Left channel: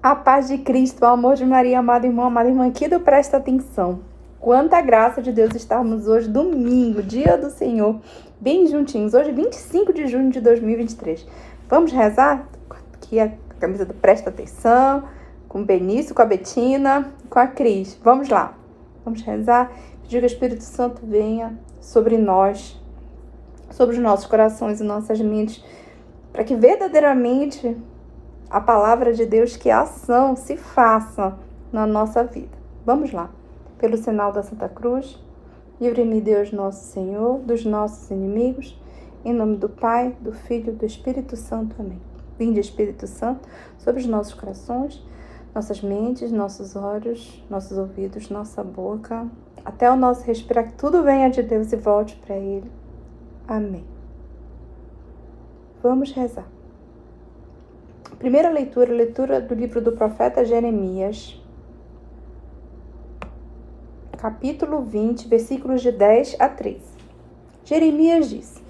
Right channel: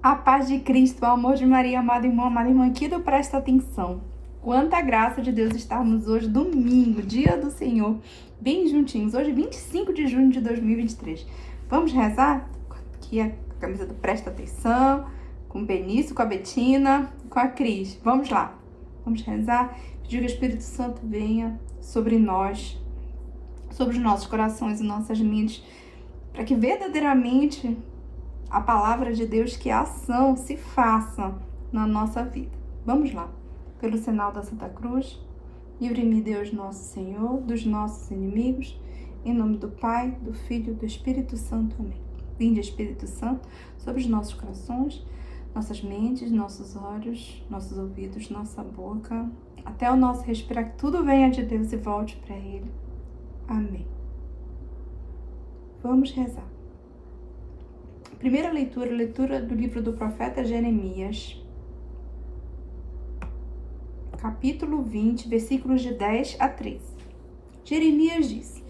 A paz de Cristo, o amor de Maria, amado irmão aqui do Presta Atenção. Quanta graça de Deus estarmos hoje, domingo, dia do Senhor, bem juntinhos. Hoje, 25 de junho de 2023. Vamos rezar? Aqui a camisa do Presta Atenção, com o Benício, com a Betina, com a Cris. Vamos lá. Vamos rezar, pedir que o Espírito Santo venha sobre nós, sobre os nossos corações e nossas mentes, para que verdadeiramente a palavra de Deus, que a ação se faça na nossa vida. Vamos lá. Pelo sinal da Santa Cruz, livre-me Deus nosso Senhor, dos nossos inimigos, em nome do Pai, do Filho e do Espírito Santo. Amém. Vinde, Espírito Santo, sobre os nossos corações, nossas mentes, nossos olhos, nossos ouvidos, nossa boca, até o nosso respirar, que tudo venha de Deus e volte para Ele. Amém. Vamos rezar. Primeira leitura do livro do profeta Jeremias, capítulo 20, versículos de 10 a 13. Jeremias disse:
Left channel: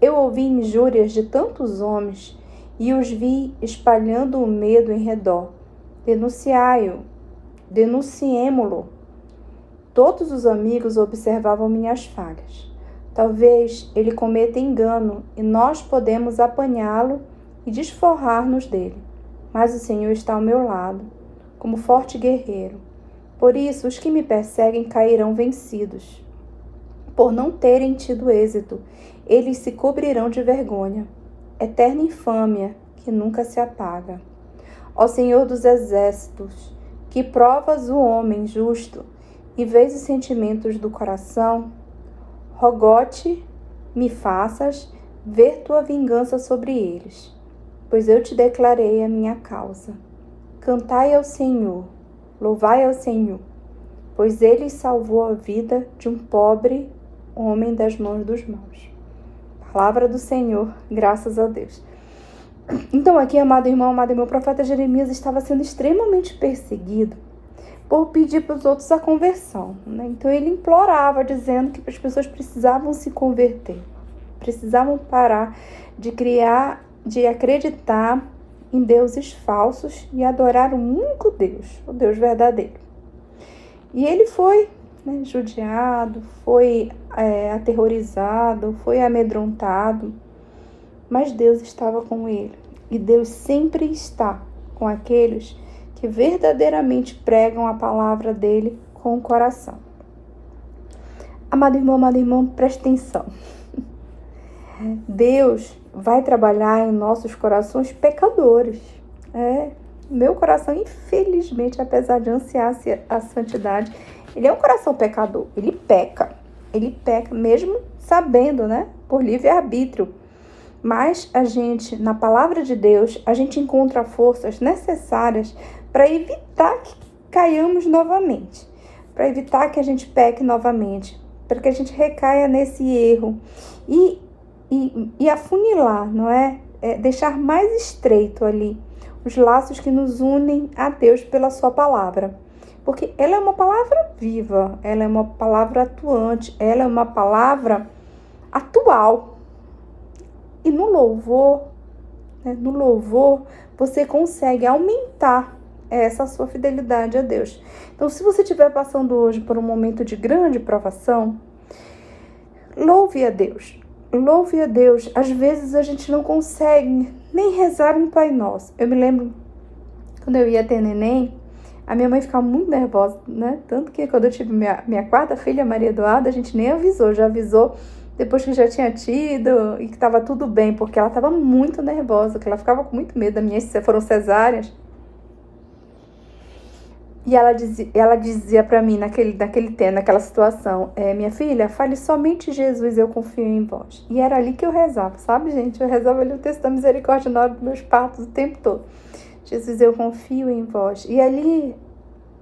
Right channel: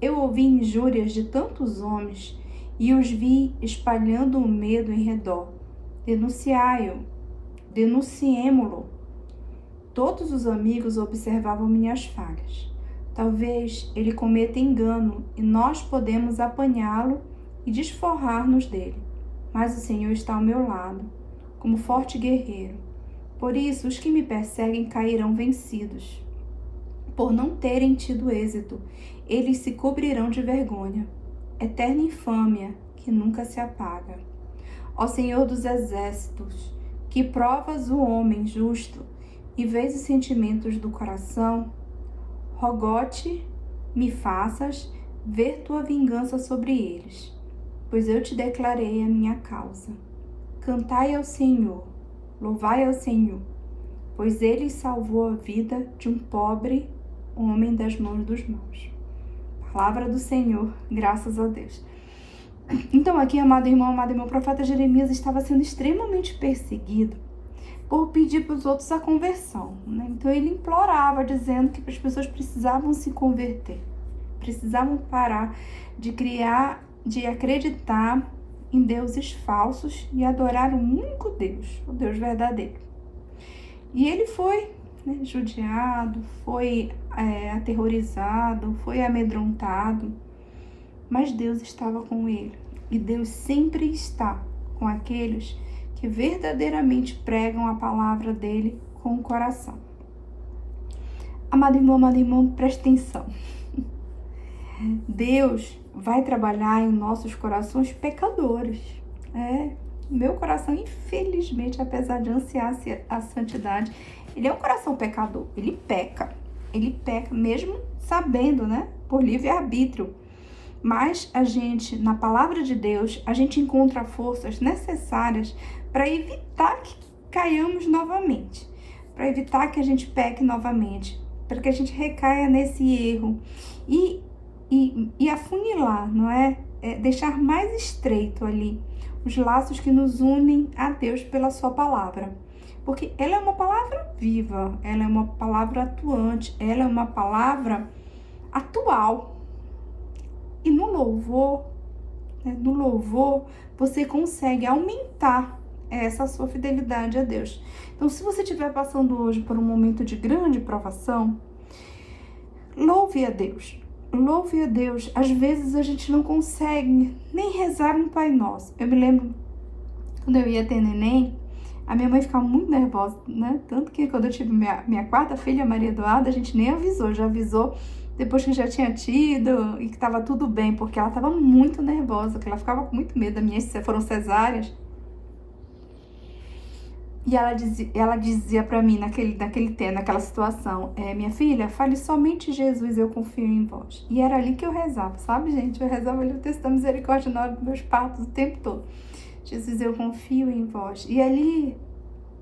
Eu ouvi injúrias de tantos homens e os vi espalhando o medo em redor. Denunciai-o, denunciemo-lo. Todos os amigos observavam minhas falhas. Talvez ele cometa engano e nós podemos apanhá-lo e desforrar-nos dele. Mas o Senhor está ao meu lado, como forte guerreiro. Por isso, os que me perseguem cairão vencidos. Por não terem tido êxito, eles se cobrirão de vergonha. Eterna infâmia que nunca se apaga. Ó Senhor dos exércitos, que provas o homem justo e vês os sentimentos do coração, rogo-te, me faças ver tua vingança sobre eles. Pois eu te declarei a minha causa. Cantai ao Senhor, louvai ao Senhor, pois ele salvou a vida de um pobre homem das mãos dos maus. Palavra do Senhor, graças a Deus. Então aqui, amado irmão, o profeta Jeremias estava sendo extremamente perseguido por pedir para os outros a conversão, né? Então ele implorava, dizendo que as pessoas precisavam se converter, precisavam parar de acreditar em deuses falsos e adorar o único Deus, o Deus verdadeiro. E ele foi judiado, foi aterrorizado, foi amedrontado, mas Deus estava com ele. E Deus sempre está com aqueles que verdadeiramente pregam a palavra dele com o coração. Amado irmão, preste atenção. Deus vai trabalhar em nossos corações pecadores. Meu coração, infelizmente, apesar de ansiar a santidade, ele é um coração pecador. Ele peca mesmo sabendo, por livre-arbítrio. Mas a gente, na palavra de Deus, a gente encontra forças necessárias para evitar que caiamos novamente, para evitar que a gente peque novamente, para que a gente recaia nesse erro e afunilar, deixar mais estreito ali os laços que nos unem a Deus pela sua palavra. Porque ela é uma palavra viva, ela é uma palavra atuante, ela é uma palavra atual. E no louvor, você consegue aumentar essa sua fidelidade a Deus. Então, se você estiver passando hoje por um momento de grande provação, louve a Deus. Louve a Deus. Às vezes a gente não consegue nem rezar um Pai Nosso. Eu me lembro, quando eu ia ter neném, a minha mãe ficava muito nervosa, Tanto que quando eu tive minha quarta filha, Maria Eduarda, a gente nem avisou, já avisou depois que já tinha tido e que estava tudo bem, porque ela estava muito nervosa, que ela ficava com muito medo. Das minhas foram cesáreas. E ela dizia para mim, naquela situação, minha filha, fale somente Jesus, eu confio em vós. E era ali que eu rezava, sabe, gente? Eu rezava ali o texto da misericórdia na hora dos meus partos o tempo todo. Jesus, eu confio em vós. E ali,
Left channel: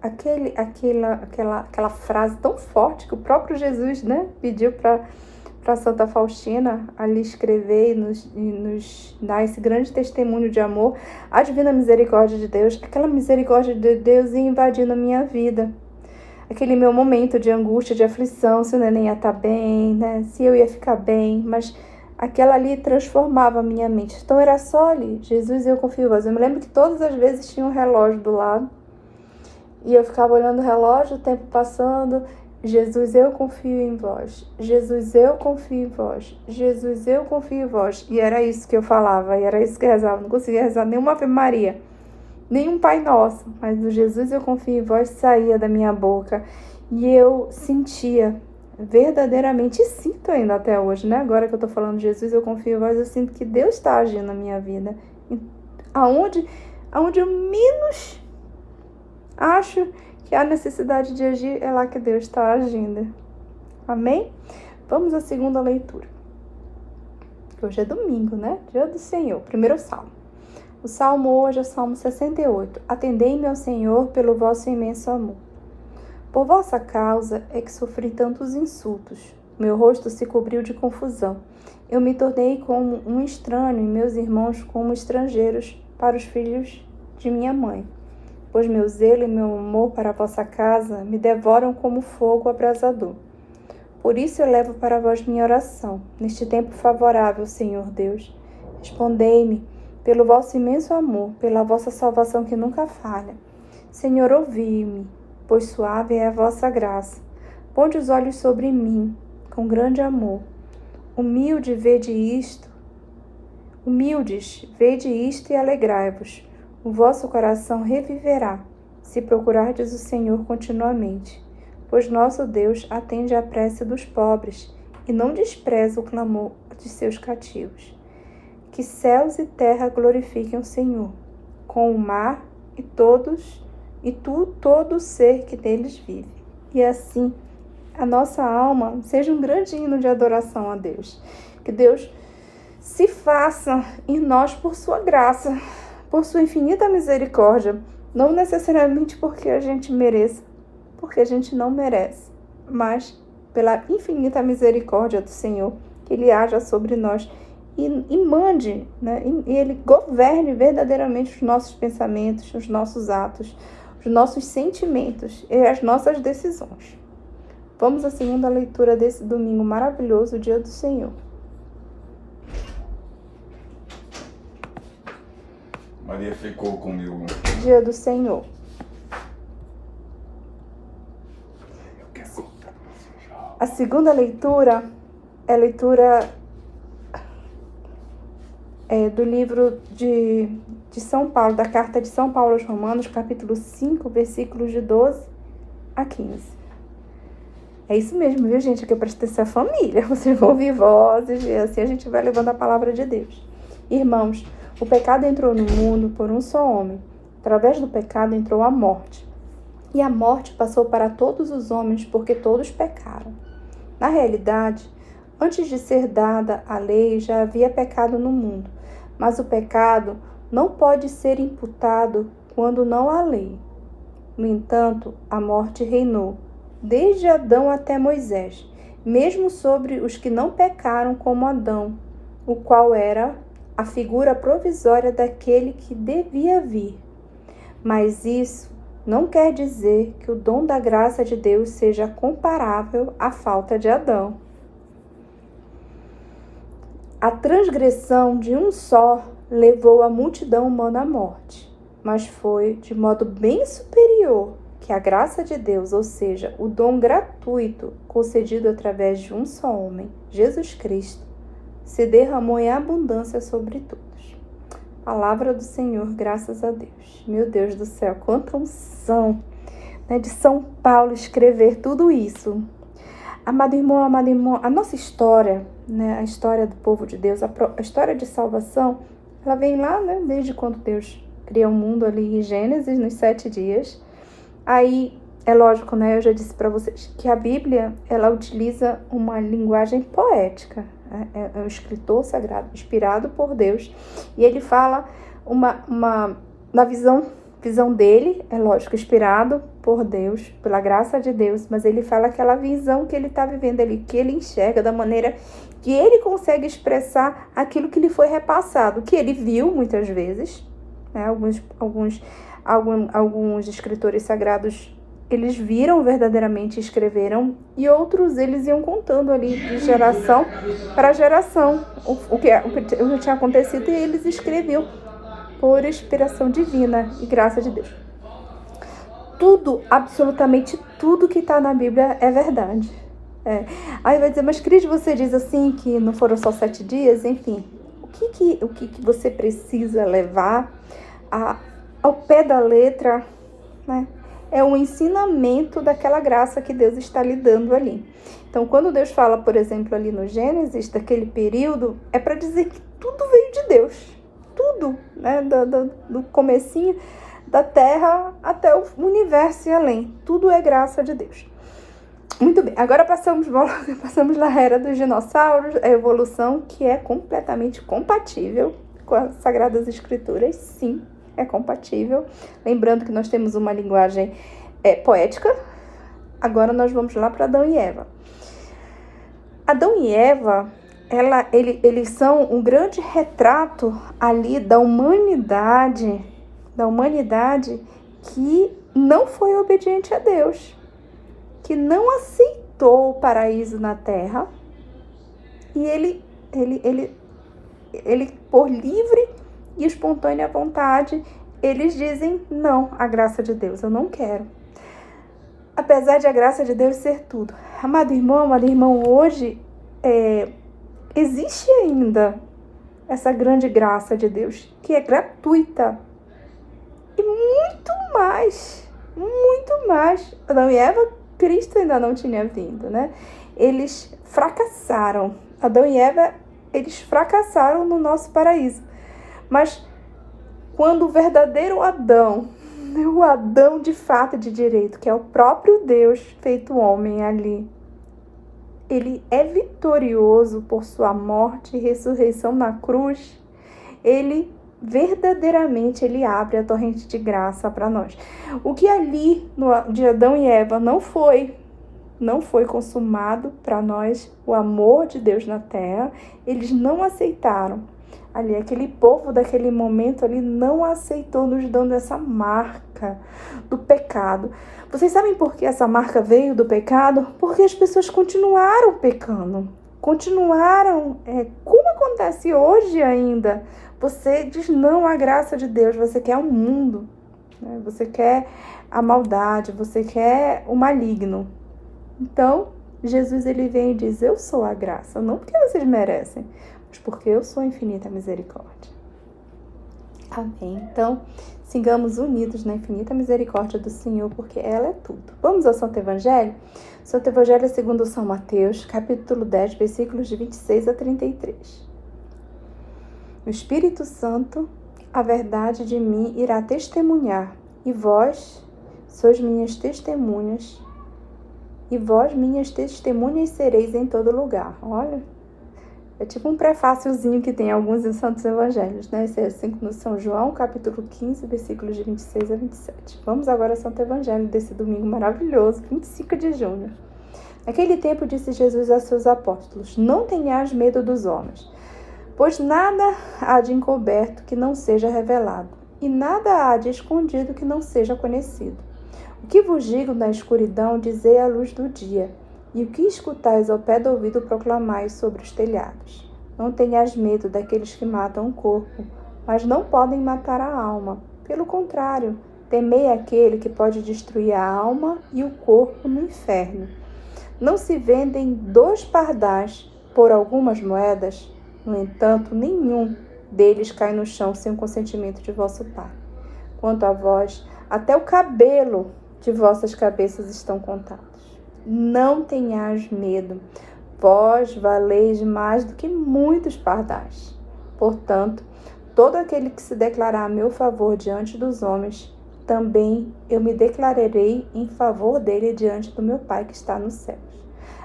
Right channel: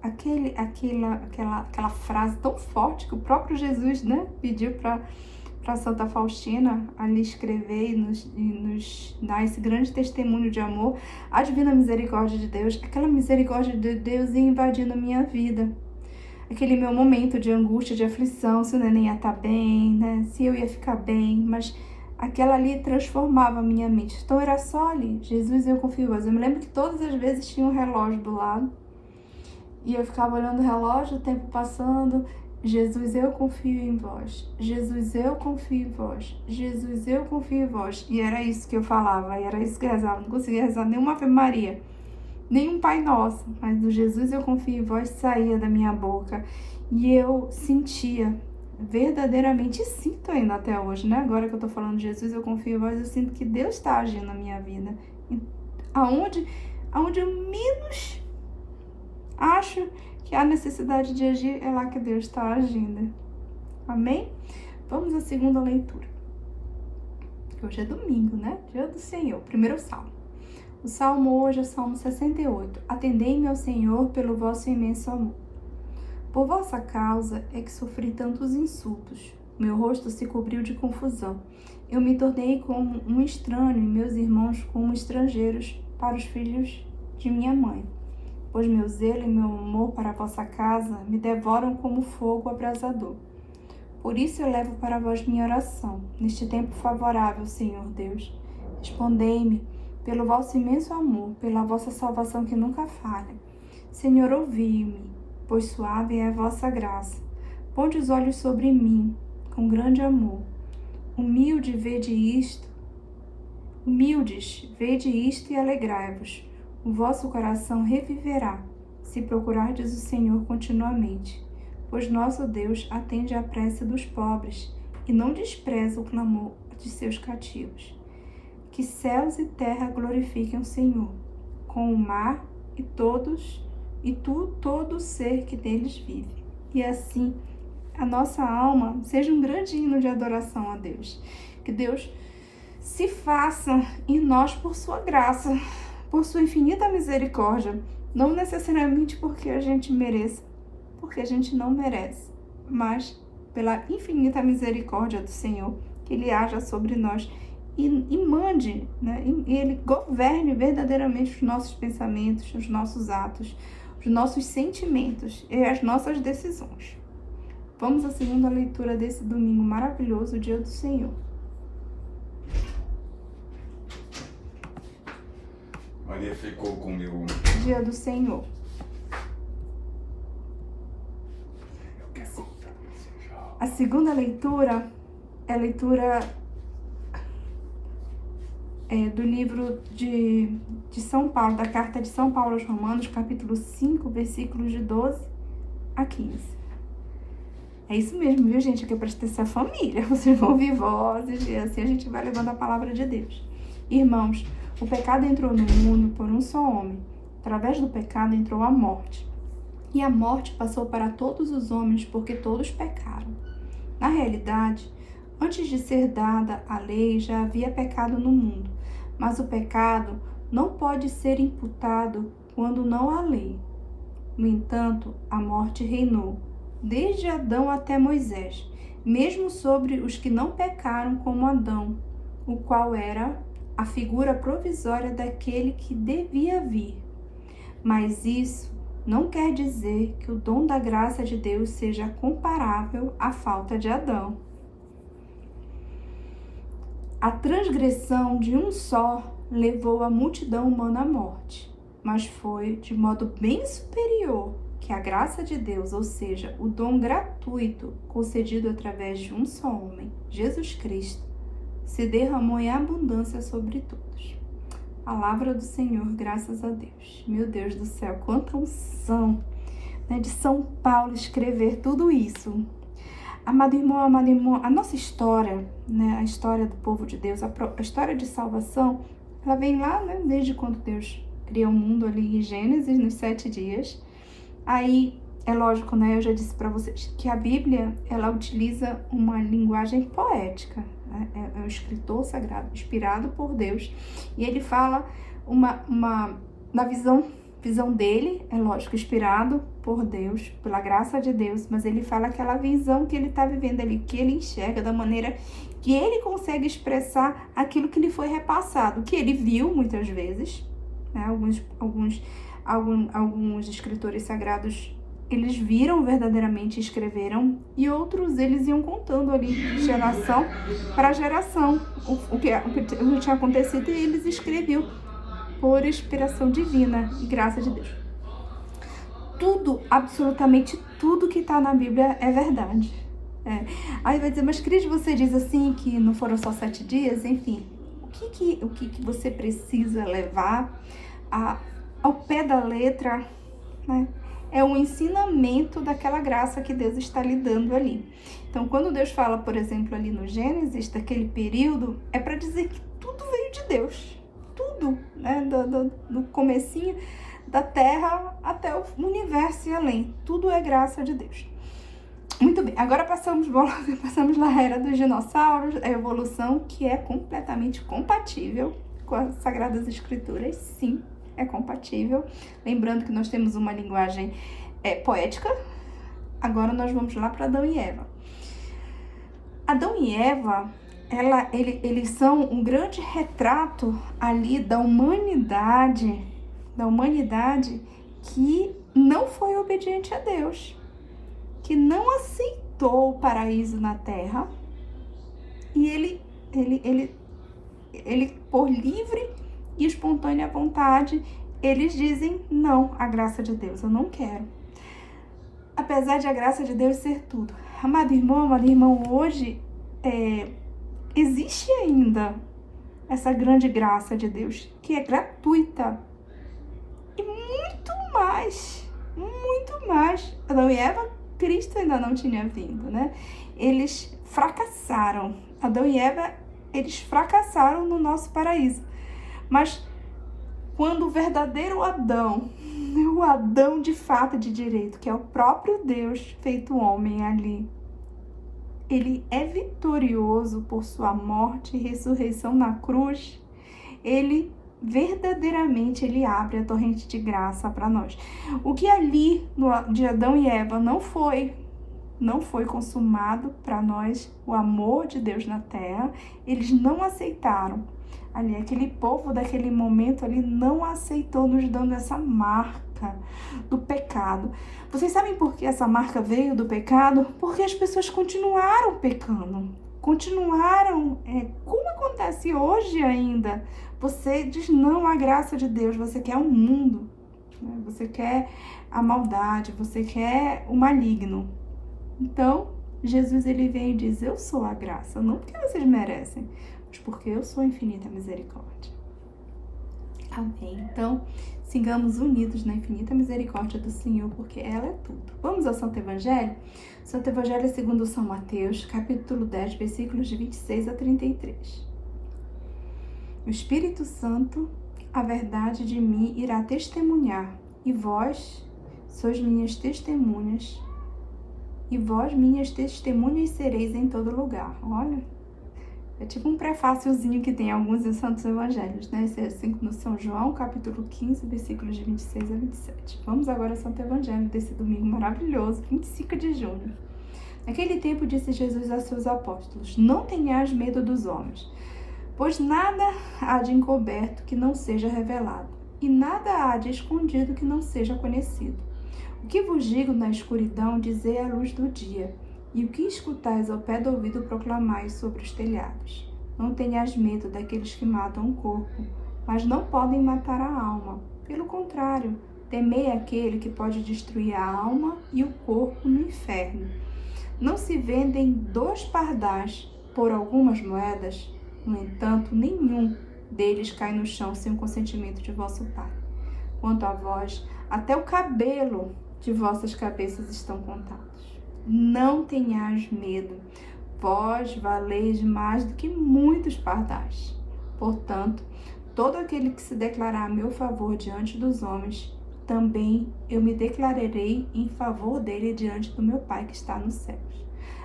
aquela frase tão forte que o próprio Jesus, pediu para Santa Faustina ali escrever e nos dar esse grande testemunho de amor, a divina misericórdia de Deus, aquela misericórdia de Deus ia invadindo a minha vida. Aquele meu momento de angústia, de aflição, se o neném ia estar bem, se eu ia ficar bem, mas aquela ali transformava a minha mente. Então era só ali, Jesus, eu confio em vós. Eu me lembro que todas as vezes tinha um relógio do lado, e eu ficava olhando o relógio, o tempo passando. Jesus, eu confio em vós. Jesus, eu confio em vós. Jesus, eu confio em vós. E era isso que eu falava, e era isso que eu rezava. Não conseguia rezar nenhuma Ave Maria, nenhum Pai Nosso, mas o Jesus, eu confio em vós saía da minha boca. E eu sentia verdadeiramente, e sinto ainda até hoje, né? Agora que eu tô falando Jesus, eu confio em vós, eu sinto que Deus está agindo na minha vida. Aonde eu menos acho que há necessidade de agir, é lá que Deus está agindo. Amém? Vamos à segunda leitura. Hoje é domingo, né? Dia do Senhor. Primeiro Salmo. O Salmo hoje é o Salmo 68. Atendei-me ao Senhor pelo vosso imenso amor. Por vossa causa é que sofri tantos insultos. Meu rosto se cobriu de confusão. Eu me tornei como um estranho e meus irmãos como estrangeiros para os filhos de minha mãe. Pois meu zelo e meu amor para a vossa casa me devoram como fogo abrasador. Por isso eu levo para vós minha oração, neste tempo favorável, Senhor Deus. Respondei-me pelo vosso imenso amor, pela vossa salvação que nunca falha. Senhor, ouvi-me, pois suave é a vossa graça. Ponde os olhos sobre mim, com grande amor. Humildes, vede isto e alegrai-vos. O vosso coração reviverá, se procurardes o Senhor continuamente. Pois nosso Deus atende à prece dos pobres e não despreza o clamor de seus cativos. Que céus e terra glorifiquem o Senhor, com o mar e todo o ser que neles vive. E assim, a nossa alma seja um grande hino de adoração a Deus. Que Deus se faça em nós por sua graça, por sua infinita misericórdia, não necessariamente porque a gente mereça, porque a gente não merece, mas pela infinita misericórdia do Senhor, que Ele haja sobre nós e mande, né? E Ele governe verdadeiramente os nossos pensamentos, os nossos atos, os nossos sentimentos e as nossas decisões. Vamos à segunda leitura desse domingo maravilhoso, o dia do Senhor. Maria ficou comigo. Dia do Senhor. A segunda leitura é a leitura do livro de São Paulo, da carta de São Paulo aos Romanos, capítulo 5, versículos de 12 a 15. É isso mesmo, viu, gente? Aqui é para ter família. Vocês vão ouvir vozes e assim a gente vai levando a palavra de Deus. Irmãos, o pecado entrou no mundo por um só homem. Através do pecado entrou a morte. E a morte passou para todos os homens porque todos pecaram. Na realidade, antes de ser dada a lei, já havia pecado no mundo. Mas o pecado não pode ser imputado quando não há lei. No entanto, a morte reinou, desde Adão até Moisés, mesmo sobre os que não pecaram como Adão, o qual era a figura provisória daquele que devia vir. Mas isso não quer dizer que o dom da graça de Deus seja comparável à falta de Adão. A transgressão de um só levou a multidão humana à morte, mas foi de modo bem superior que a graça de Deus, ou seja, o dom gratuito concedido através de um só homem, Jesus Cristo, se derramou em abundância sobre todos. Palavra do Senhor, graças a Deus. Meu Deus do céu, quanta unção, né, de São Paulo escrever tudo isso. Amado irmão, a nossa história, né, a história do povo de Deus, a história de salvação, ela vem lá, né, desde quando Deus criou o mundo ali em Gênesis, nos 7 dias. Aí, é lógico, né, eu já disse para vocês que a Bíblia, ela utiliza uma linguagem poética. É um escritor sagrado, inspirado por Deus. E ele fala na visão dele, é lógico, inspirado por Deus, pela graça de Deus, mas ele fala aquela visão que ele está vivendo ali, que ele enxerga da maneira que ele consegue expressar aquilo que lhe foi repassado, que ele viu muitas vezes, né? Alguns escritores sagrados eles viram verdadeiramente e escreveram, e outros eles iam contando ali de geração para geração o que tinha acontecido, e eles escreviam por inspiração divina e graça de Deus. Tudo, absolutamente tudo que está na Bíblia é verdade. Aí vai dizer, mas Cris, você diz assim que não foram só 7 dias? Enfim, o que você precisa levar ao pé da letra, né? É o ensinamento daquela graça que Deus está lhe dando ali. Então, quando Deus fala, por exemplo, ali no Gênesis, daquele período, é para dizer que tudo veio de Deus. Tudo, né? Do comecinho da Terra até o universo e além. Tudo é graça de Deus. Muito bem, agora passamos na era dos dinossauros, a evolução que é completamente compatível com as Sagradas Escrituras, sim, é compatível. Lembrando que nós temos uma linguagem poética. Agora nós vamos lá para Adão e Eva. Adão e Eva, eles são um grande retrato ali da humanidade que não foi obediente a Deus, que não aceitou o paraíso na terra, e ele por livre e espontânea vontade, eles dizem não à graça de Deus, eu não quero. Apesar de a graça de Deus ser tudo. Amado irmão, hoje existe ainda essa grande graça de Deus, que é gratuita. E muito mais. Adão e Eva, Cristo ainda não tinha vindo, né? Eles fracassaram. Adão e Eva, eles fracassaram no nosso paraíso. Mas quando o verdadeiro Adão, o Adão de fato de direito, que é o próprio Deus feito homem ali, ele é vitorioso por sua morte e ressurreição na cruz, verdadeiramente ele abre a torrente de graça para nós. O que ali de Adão e Eva não foi consumado para nós, o amor de Deus na terra, eles não aceitaram. Ali, aquele povo daquele momento ali não aceitou, nos dando essa marca do pecado. Vocês sabem por que essa marca veio do pecado? Porque as pessoas continuaram pecando. Continuaram, como acontece hoje ainda. Você diz não à graça de Deus, você quer o mundo, né? Você quer a maldade, você quer o maligno. Então, Jesus ele vem e diz, eu sou a graça, não porque vocês merecem, mas porque eu sou infinita misericórdia. Amém. Então, sigamos unidos na infinita misericórdia do Senhor, porque ela é tudo. Vamos ao Santo Evangelho? Santo Evangelho segundo São Mateus, capítulo 10, versículos de 26 a 33. O Espírito Santo, a verdade de mim irá testemunhar, e vós sois minhas testemunhas, e vós minhas testemunhas sereis em todo lugar. Olha, é tipo um prefáciozinho que tem alguns em Santos Evangelhos, né? Esse é assim no São João, capítulo 15, versículos de 26 a 27. Vamos agora ao Santo Evangelho desse domingo maravilhoso, 25 de junho. Naquele tempo disse Jesus a seus apóstolos, não tenhais medo dos homens, pois nada há de encoberto que não seja revelado, e nada há de escondido que não seja conhecido. O que vos digo na escuridão, dizei à luz do dia, e o que escutais ao pé do ouvido, proclamai sobre os telhados. Não tenhas medo daqueles que matam o corpo, mas não podem matar a alma. Pelo contrário, temei aquele que pode destruir a alma e o corpo no inferno. Não se vendem 2 pardais por algumas moedas? No entanto, nenhum deles cai no chão sem o consentimento de vosso Pai. Quanto a vós, até o cabelo de vossas cabeças estão contados. Não tenhais medo, vós valeis mais do que muitos pardais. Portanto, todo aquele que se declarar a meu favor diante dos homens, também eu me declararei em favor dele diante do meu Pai que está nos céus.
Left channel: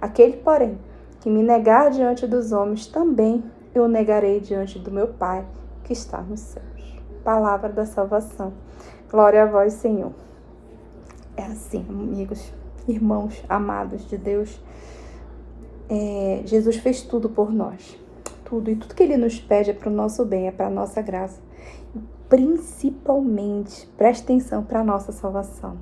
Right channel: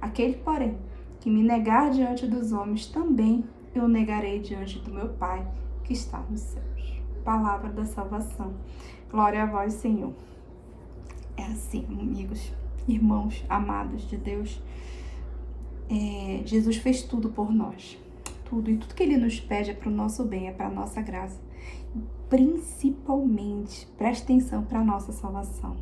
Aquele, porém, que me negar diante dos homens, também eu negarei diante do meu Pai que está nos céus. Palavra da salvação. Glória a vós, Senhor. É assim, amigos, irmãos amados de Deus. Jesus fez tudo por nós. Tudo. E tudo que Ele nos pede é para o nosso bem, é para a nossa graça. E principalmente, preste atenção, para a nossa salvação.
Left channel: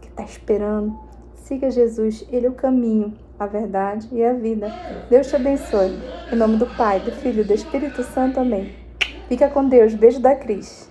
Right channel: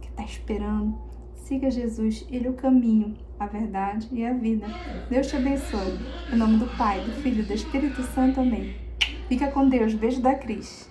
Que está esperando? Siga Jesus, Ele é o caminho, a verdade e a vida. Deus te abençoe. Em nome do Pai, do Filho e do Espírito Santo. Amém. Fica com Deus. Beijo da Cris.